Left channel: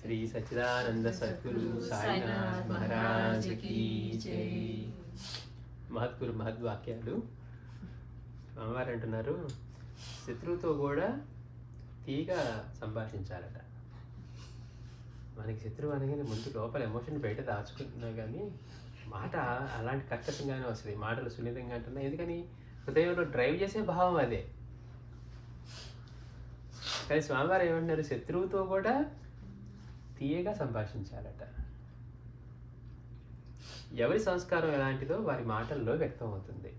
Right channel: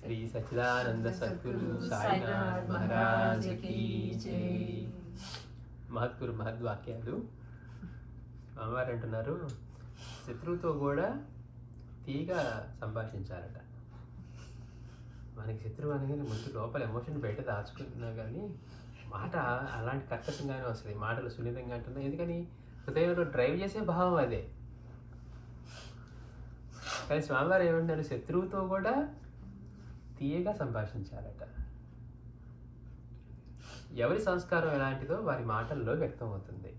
Shri Sachchidananda Sadhguru Sainath Maharaj key జై. మహద్గురు మహద్వాక్యాలు. అమ్మవారు అంటున్నారు, శత్రువుతో కూడా తీగా సంభాషించారట. మనకి శత్రువు అనేది ముందు లోపల ఎమోషన్ బయట దాచుకుంటున్నా కానీ మాట అలాంటి కర్కశంగానే వస్తుంది, మాటలు సున్నితంగా అంటున్నా. ఎందుకని హృదయంలో డ్రైవ్ చేసే భావం అదే. కానీ స్వామివారు ఏమంటున్నారు, శత్రువుతో కూడా తీయగా సంభాషించారట. ఎవరి సంస్కారం ఎలాంటిదో వారి మాటల్లో వ్యక్తం అవుతుంది.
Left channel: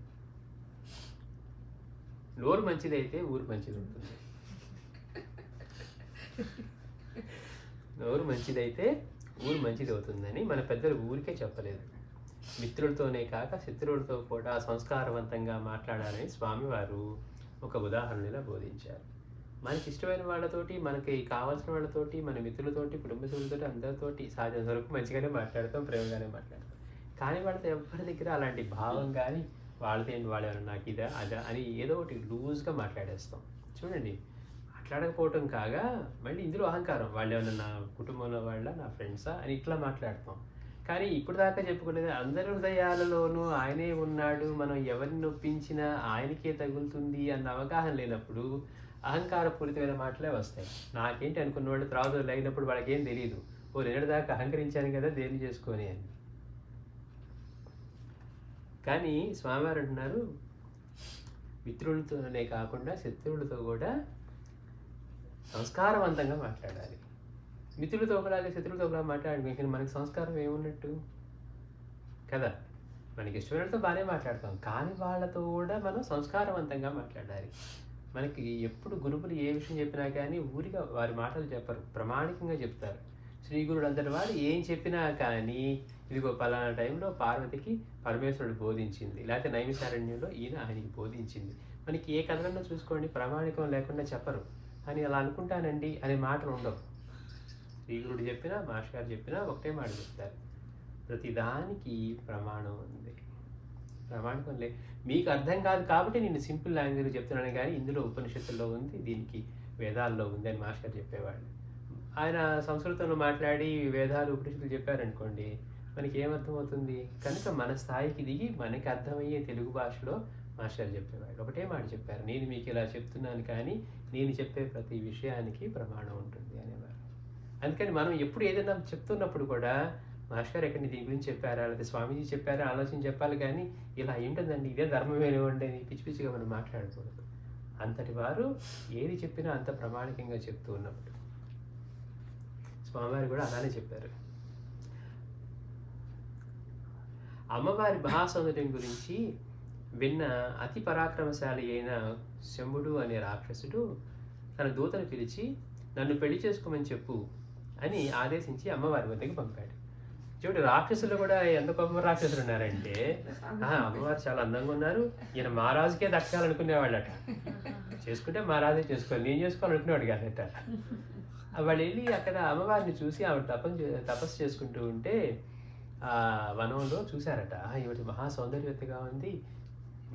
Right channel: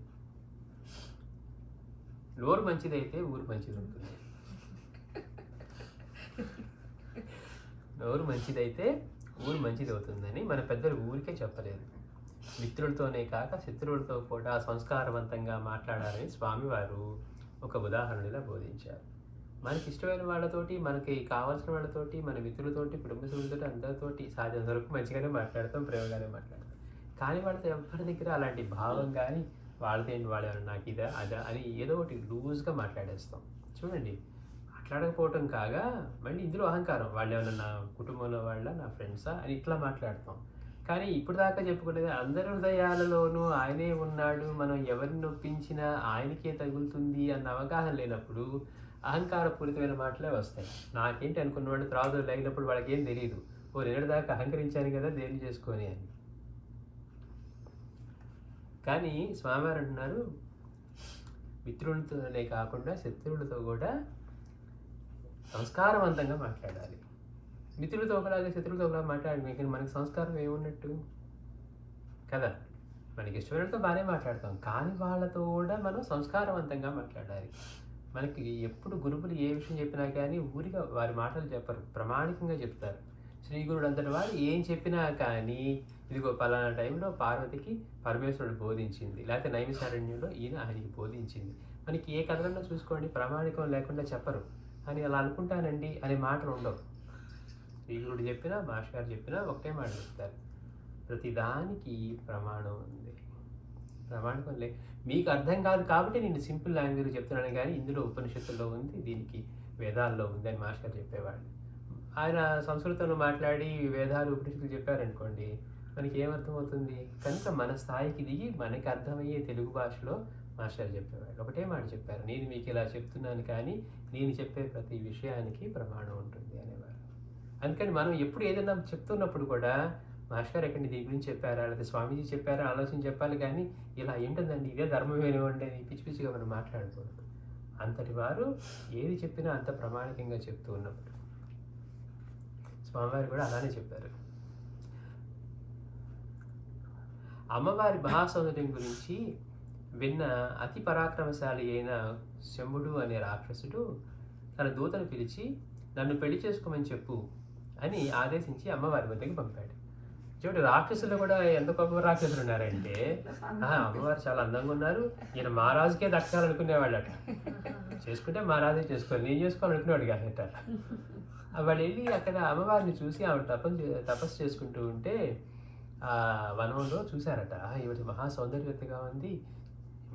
నోరు మంచిదైతే ఊరు మంచిది అవుతుంది. నోరు మంచిదైతే ఊరు మంచిది అవుతుందని మన పెద్దలు ఊరికే చెప్పలేదు. మిత్రులతోనే కాక శత్రువులతో కూడా సంస్కారవంతంగా మాట్లాడాలని స్వామివారు ఒక ఉదాహరణగా బోధించారు. మనకి ఇష్టమైన వాళ్ళతోటి, మనకి కావాల్సిన వాళ్ళతోటి, మన మిత్రులతోటి, కుటుంబీకులతో అందరితోటి సాధ్యం వరకు మంచిగానే మాట్లాడతాం, ప్రేమగానే మాట్లాడతాం. కానీ వాళ్ళతో ఎవరి దగ్గర అలాంటి భావం కానీ వాళ్ళతో వాళ్ళు నాకు ఇదా అదా అని ఏదో ఒకటి లూజ్గా మాట్లాడేస్తాం. చూడండి, మాట్లాడకపోవటం కాగా మళ్ళీ ఇందులో అహంకారం, వాళ్ళు ఏమైనా నా కుటుంబంలో వాళ్ళ, నా ఫ్రెండ్సా అని ఇట్లా మాట్లాడతాం. కానీ ఇప్పుడు దాకా చెప్పుకునేది అందరి హృదయాలలోనూ ఆయనే ఉన్నాడు, మనం ఎవరిని నొప్పించినా ఆయనకే తగులుతుంది అన్న అవగాహన లేనప్పుడు అహంకారపూరితమైన మాటలే వస్తాయి. నాకేంటి అనుకున్న వాళ్ళు త్రాదు లేనప్పుడు వాళ్ళకేం తెలియదు. ఓ 2 దాకా అహంకరించాను కదా దేన్ని చేసుకొని అని. కానీ స్వామివారు అంటున్నారు, మిత్రులతోనే కాకుండా శత్రువులతో కూడా సంస్కారవంతంగా మాట్లాడాలి. మిత్రులతో ఒకలాగా శత్రువులతో ఒకలాగా మాట్లాడి మనకి సంస్కారం ఏమున్నట్టు కదా. మనకి ఇష్టమైనతో బాగానే మాట్లాడతాం, కానీ వాళ్ళతో కూడా మనం సంస్కారవంతంగా మాట్లాడాలి. మనకి ఎప్పుడు గురువులు ఏ విషయం చెప్పినా కానీ ఊరిగా వారి మాటలు చెప్పరు, ప్రామాణికంగా చెప్తారు. శ్రీ గురుడు అంతటి వారు ఏం చెప్పినా కానీ ఇదిగో పలానా టైంలో పార్వతికి పరమేశ్వరుడు బోధించింది, లేకపోతే నైమిషారణ్యంలో ఈయన ఆయనకి బోధించింది. మనకి ఏ కథలన్నా చూసుకోండి, ప్రామాణికం లేకుండా చెప్పరు. అని అలా అనుకుంటానండి అనే మాటలు ఉండవు. శ్రీ గురుడు చెప్పినా, మాస్టర్ గారు చెప్పినా ఒకటే మాట చెప్తారు. ప్రతిదానికి ప్రమాణం ఉంది. ప్రమాణికం లే, మీకు అర్థం కాదు కాబట్టి నేను సింపుల్ లాంగ్వేజ్ చెప్తున్నాను, కానీ ఇందులో ఉపనిషత్తుల్లో ఉంది, దీనికి వేదాల్లో ఉంది అని మాస్టర్ గారు చెప్పేవాళ్ళు. ఆయన సంస్కృతంలో మాట్లాడి వేదాలు ఉపనిషత్తులు చెప్పారనుకోండి, మనకి ఏమర్థం అవుతుంది? కనుక మన స్థాయికి దిగి మనకి అర్థమయ్యే తెలుగు భాషలో మాస్టర్ చెప్పేవాడు. ఒకటే మాట చెప్పారు, నేను మీకు ఇలా చెప్తున్నాను కానీ నేను చెప్పే ప్రతి విషయానికి ప్రమాణం ఉంటుంది అనేవారు. అందుకని మనం ఎప్పుడు ఏదైనా చెప్తున్నప్పుడు కూడా మాస్టర్ గారు ఎక్కడి దీని గురించి చెప్పారా, లేకపోతే స్వామీజీ చెప్పారా ఆలోచన చెప్పాలి, కానీ ఇలా ఏంటందండి ఇదే ధర్మమేనివ్వండి అని పిచ్చి పిచ్చిగా మనం మాట్లాడకూడదు. అంతటి వారు ఏది చెప్పినా అంత ప్రామాణికంగా చెప్తూ ఉన్నప్పుడు స్వామివారు కూడా అలానే చెప్పారు. అమ్మవారి మహాసౌందర్యం గురించి విన్న అతి పరాక్రమశాలి అయిన శంభుడు అనే రాక్షసుడు తన దూతను పిలిచి నన్ను పెళ్లి చేసుకోమని చెప్పు అని ఆదేశించి అమ్మవారి వద్దకి పంపాడు. చూడు, రాక్షసులు కూడా ఎంత గొప్ప రాక్షసులు ఉన్నారంటే, అమ్మవారు చాలా అందంగా ఉన్నారు, ఈయన మహారాజుకే దక్కాలనుకునేవాళ్ళట. చేసుకుంటే మహారాజే చేసుకోవాలి, నేను చేసుకోవాలనుకునేవాడు కాదట. వాళ్ళు వెళ్ళి అక్కడ అమ్మవారిని చూసి ఆవిడ తపస్సు చేసుకుంటూ ఉంటే ఆ వనంలో చూశారట. ఈవిడ మహా సౌందర్యవతిగా ఉంది,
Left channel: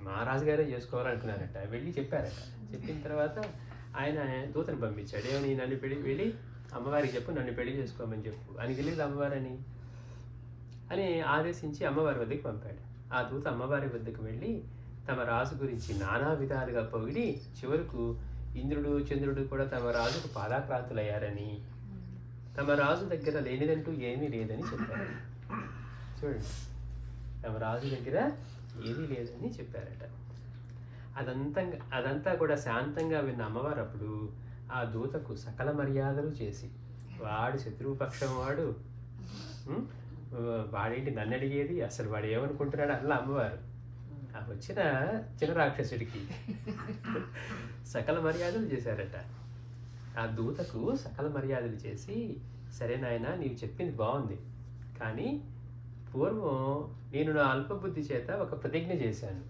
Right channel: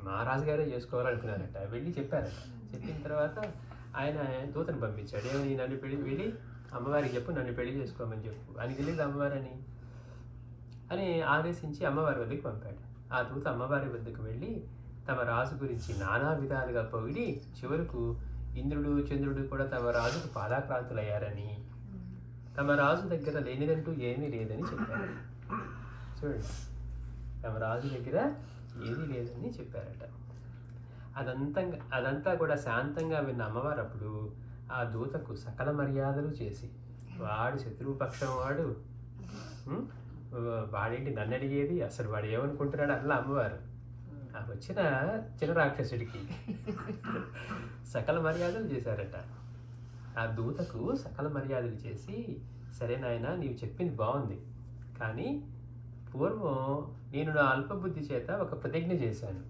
మహారాజు గారే చేసుకోవాలనుకున్నారట. వెళ్ళి చెప్పారట. చెప్పిన తర్వాత ఆయన దూతను పంపించాడు, ఏమని నన్ను వెళ్ళి అమ్మవారికి చెప్పు, నన్ను పెళ్లి చేసుకోమని చెప్పు. అది తెలియదు అమ్మవారని అని ఆదేశించి అమ్మవారి వద్దకు పంపాడు. ఆ దూత అమ్మవారి వద్దకు వెళ్ళి తమ రాజు గురించి నానా విధాలుగా పొగిడి చివరకు ఇంద్రుడు చంద్రుడు కూడా తమ రాజుకు పాదాక్రాంతులయ్యారని, తమ రాజు దగ్గర లేనిదంటూ ఏమీ లేదని చెప్పారు. చూడండి, తమ రాజు దగ్గర ఏమీ లేదని చెప్పారట. అదంతా కూడా శాంతంగా విన్న అమ్మవారు అప్పుడు ఆ దూతకు సకల మర్యాదలు చేసి, వాడు శత్రువు పక్షం వాడు, వాడేంటి నన్ను అడిగేది, అసలు వాడు ఏమనుకుంటున్నాడు అలా అమ్మవారు ఆ వచ్చిన చిన్న రాక్షసుడికి సకల మర్యాదలు చేశారట. ఆ దూతకు సకల మర్యాదలు చేసి, సరే నాయన నీవు చెప్పింది బాగుంది, కానీ పూర్వం నేను నా అల్పబుద్ధి చేత ఒక ప్రతిజ్ఞ చేశాను.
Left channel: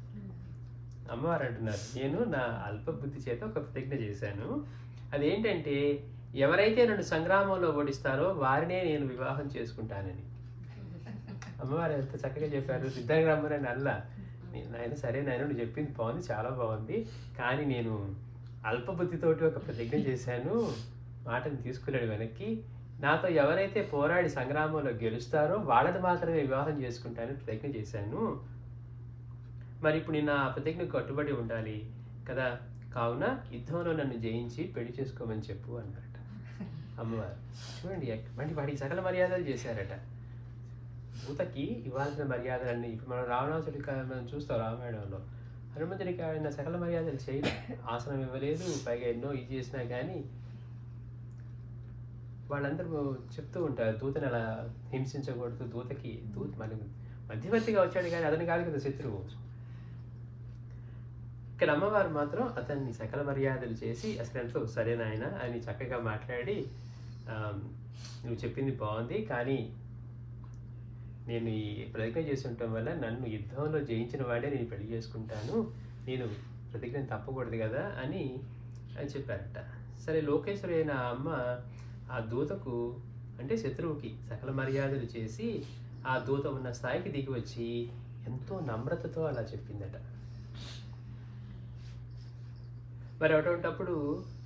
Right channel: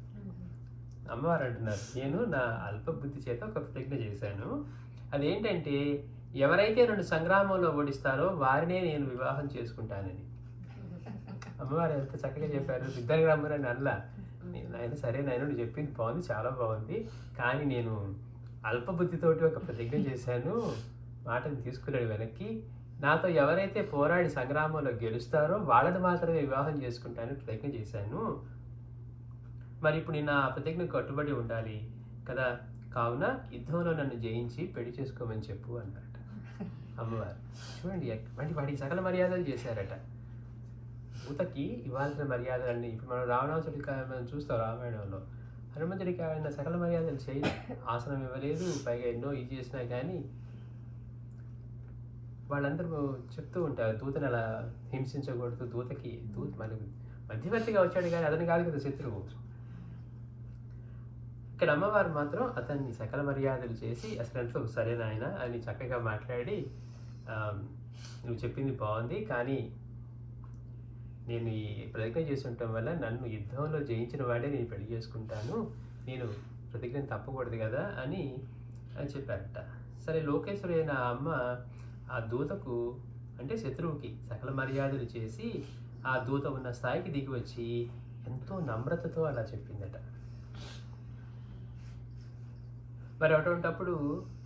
అమ్మవారు అంటున్నారు, నేను నా అల్పబుద్ధి చేత ఒక ప్రతిజ్ఞ చేశాను. అదేంటంటే ఎవరైతే నన్ను సంగ్రామంలో ఓడిస్తారో వారినే నేను వివాహం చేసుకుంటానని. అమ్మవారు ఎంత చక్కగా చెప్పారు. సిద్ధంగా రమ్మని అల్లా, నాయన సరే నాయన నువ్వు చెప్పింది బాగుంది, చాలా బాగుంది, కానీ నేను అల్పబుద్ధితోటి ఒక ప్రతిజ్ఞ చేశాను. మాటను తీసుకున్నాడు వెనక్కి. నాతో ఎవరైతే పోరాడి సంగ్రామంలో గెలుస్తారో వాళ్ళని మాత్రమే వివాహం చేసుకుంటానని ప్రతిజ్ఞ చేశాను. మరి ఇప్పుడు నేను ఆ ప్రతిజ్ఞకు కట్టుబడి ఉండాలి కదా! కావున యుద్ధంలో నన్ను జయించి పెళ్లి చేసుకోమని చెప్పు అన్నారట అమ్మవారు. చూడండి వాడికి సకల మర్యాదలు చేశారట. దూతకి ఇవ్వాల్సిన మర్యాదలన్నీ ఇప్పుడు మనం రావణాసుడికి మనం చూస్తాం రామాయణంలో. హనుమంతుడికి ఆయన సకల మర్యాదలు చేయలేదు. ఆసనం ఇవ్వలేదు, పైగా ఎన్నో ఇది చేసినా కానీ వాళ్ళందరూ చెప్తూ ఉంటారు దూతని అలా హింసించకూడదు. దూత మళ్ళీ మధ్యవర్తిగా వచ్చాడు కానీ అతను కాదు కదా శత్రువు. ఇక్కడ అమ్మవారు మాత్రం అతన్ని సకల మర్యాదలు చేసి అసలు సరే నాయన అని చక్కగా మాట్లాడి, నువ్వు చెప్పింది బాగుంది కానీ నేను ఈ ప్రతిజ్ఞ చేసి ఉండటం వల్ల నన్ను యుద్ధంలో జయించిన వాడే నేను పెళ్లి చేసుకుంటాను, నేను ప్రతిజ్ఞను తప్పకూడదు కదా అని చెప్పారట. సరే లోకేశ్వరి అయిన అమ్మ ఆ దూతకు అంటే శత్రువుకి సకల మర్యాదలు చేసి ఆ దూత ఉన్న స్థాయికి దిగి వచ్చి ఎంతో నమ్రతతో అలా చెప్పిందట. మరి అటువంటప్పుడు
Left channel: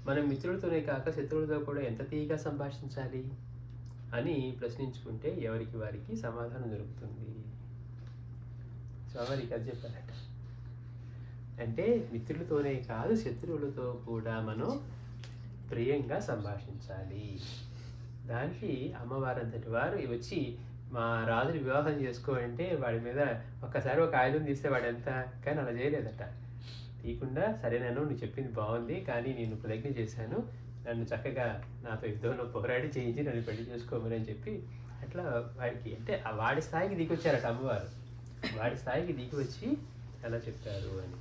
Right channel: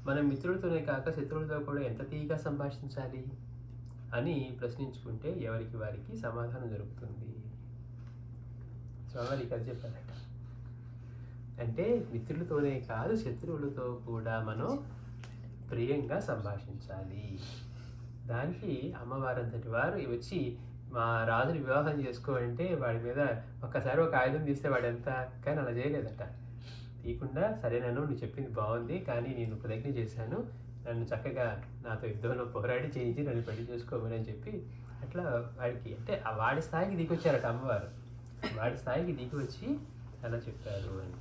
మనం మిత్రులతోనే కాక శత్రువులతో కూడా ఎంత తీయగా సంభాషించాలి అని ప్రశ్నించుకుంటే ఎవరికి వారికి సమాధానం దొరుకుతుంది. చాలా కథ చెప్పారట. అంటే మిత్రులతోనే కాదు శత్రువులతో కూడా మనం ప్రియంగా సంభాషించాలి. దానికి అమ్మవారంతటి వారు వచ్చి మా రాజుని వివాహం చేసుకోవాలంటే వాడి మీద ఒక్కసారి ఒక ఆయుధం తీస్తే వాడు ఎంత, కానీ అలా చేయలేదట. తీయకుండా సరే నువ్వు చెప్పింది బాగుంది కానీ నేను ప్రతిజ్ఞ చేశాను, నన్ను చక్కగా నాతో యుద్ధంలో పోరాడి చేయించి నన్ను పెళ్లి చేసుకోమని అని చెప్పి అట్లా వాడికి అంటే వాడి స్థాయికి దిగి వచ్చారట అమ్మవారు. వాడి స్థాయికి దిగి వచ్చి అలా చెప్పారు అని.